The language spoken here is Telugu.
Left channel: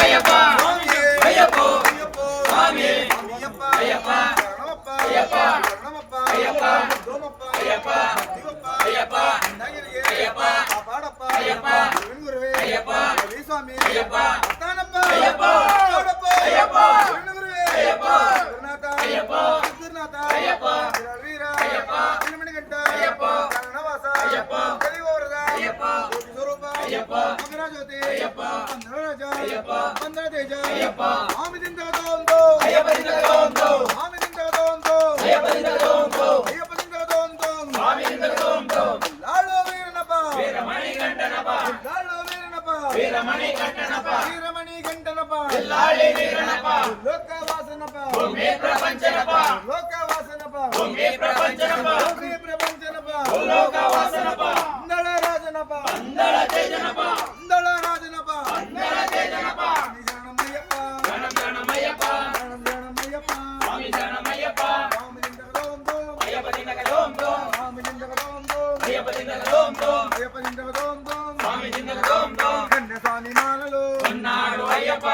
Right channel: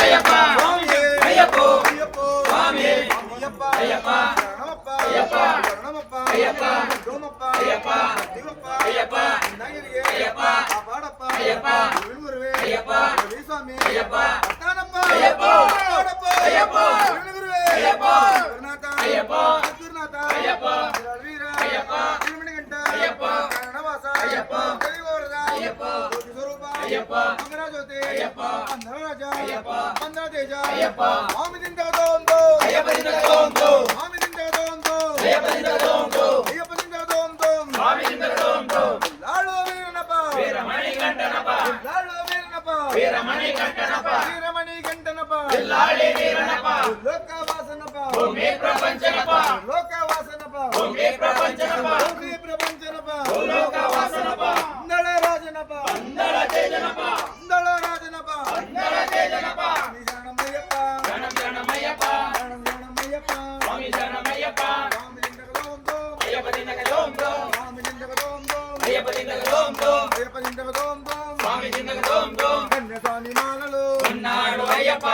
ஐயப்பா ஐயப்போ சுவாமி ஐயப்பா ஐயப்பா ஐயப்பா சரணமப்பா ஐயப்பா தோமப்பா ஐயப்பா சிவப்பா ஐயப்பா நயரியே ஐயப்பா பாடப்பா ஐயப்பா குருவே ஐயப்பா சுவாமி ஐயப்பா அத்தானப்பா ஐயப்பா பாடப்பா ஐயப்பா குருவே ஐயப்பா குருநாதா ஐயப்பா குருநாதா ஐயப்பா வீரா ஐயப்பா திருமணிகண்ட ஐயப்பா கரணவாசா ஐயப்பா தெளிவோரதா ஐயப்பா ஜோதி ஸ்வரூபா ஐயப்பா மகராஜோதி ஐயப்பா పందరాజా అయ్యప్ప పందరాదేజ అయ్యప్ప ఆమిదిందగదోందో అయ్యప్పదిందగదోందో ఆమిదిందగదోందో అయ్యప్పదిందగదోందో అయ్యప్పదిందగదోందో ఆమిదిందగదోందో లాలో వీరనప వీరమణి కంటనప లాలో వీరనప వీరమణి కంటనప వీరమణి గంటనప లాళి వీరనప లోకవాసనప భూమి ప్రపంచనప లోకవాసనప భూమి ప్రపంచనప భూమి ప్రపంచనప లోకవాసనప అందళ రాజనప అందల తేజనప అందళ రాజనప అందల తేజనప శరణమయ్యప్ప గణం గణమయ్యప్ప శరణమయ్యప్ప స్వామి గణమయ్యప్ప ఆమిదిందగదోందో అయ్యప్పదిందగదోందో ఆమిదిందగదోందో అయ్యప్పదిందగదోందో అయ్యప్పదిందగదోందో స్వామి దిందగదోందో కన్యస్వామి మాలలు ఉన్నాడు అయ్యప్ప